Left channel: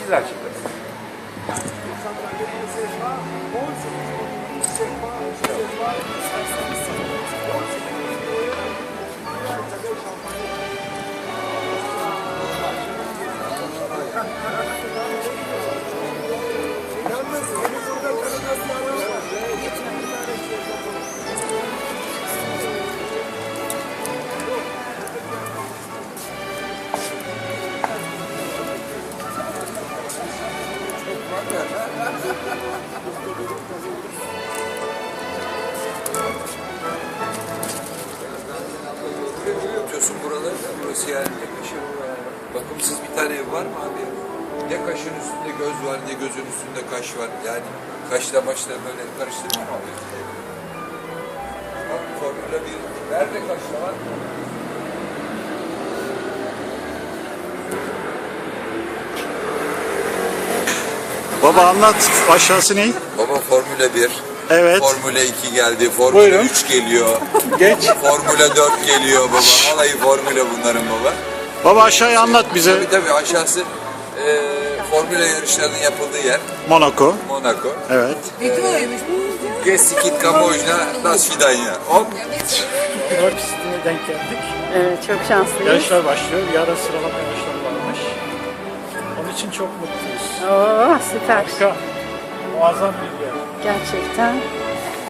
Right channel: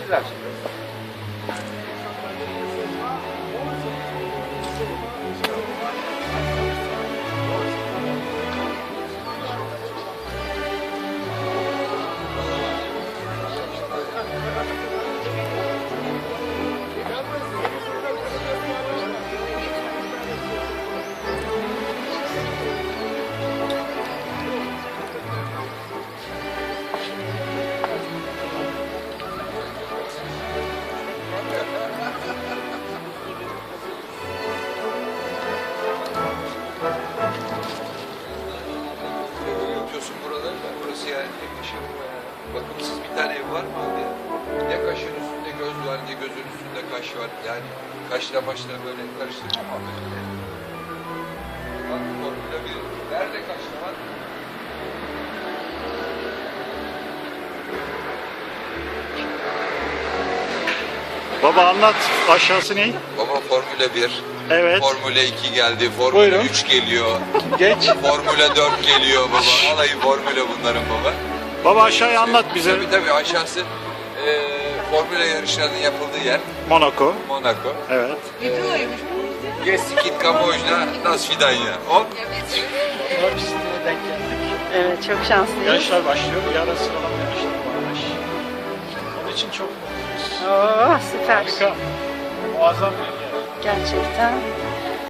Güzel. yapıyorsun kaşın üstünde göz var, ne gözün üstünde kaş var. Yani kaşla başla böyle karıştırma abi. Bak Formula 1. Nerede kaşla var? Baba anlat aşağısı ne? Baba Formula 1. Evet. Formula 2 geldi. Formula Buyurun. 3 geliyor. Geç. Formula 4 geliyor. Baba vallahi Formula bunların baba. Baba aşağıyı anlat bize. Tabii tabii aşağısı e, Formula yarışlarının yapıldığı yer. Monaco. Monaco. Evet. Geskit Kamboçya Nasvida'yı. Hop. Dört üstüne denk geldik. Evet çok şanslıyız. Beşe başlıyor, yarısı Onun için çok mutluyuz. Oo, süper. Muazzam bir yer. Gerçekten.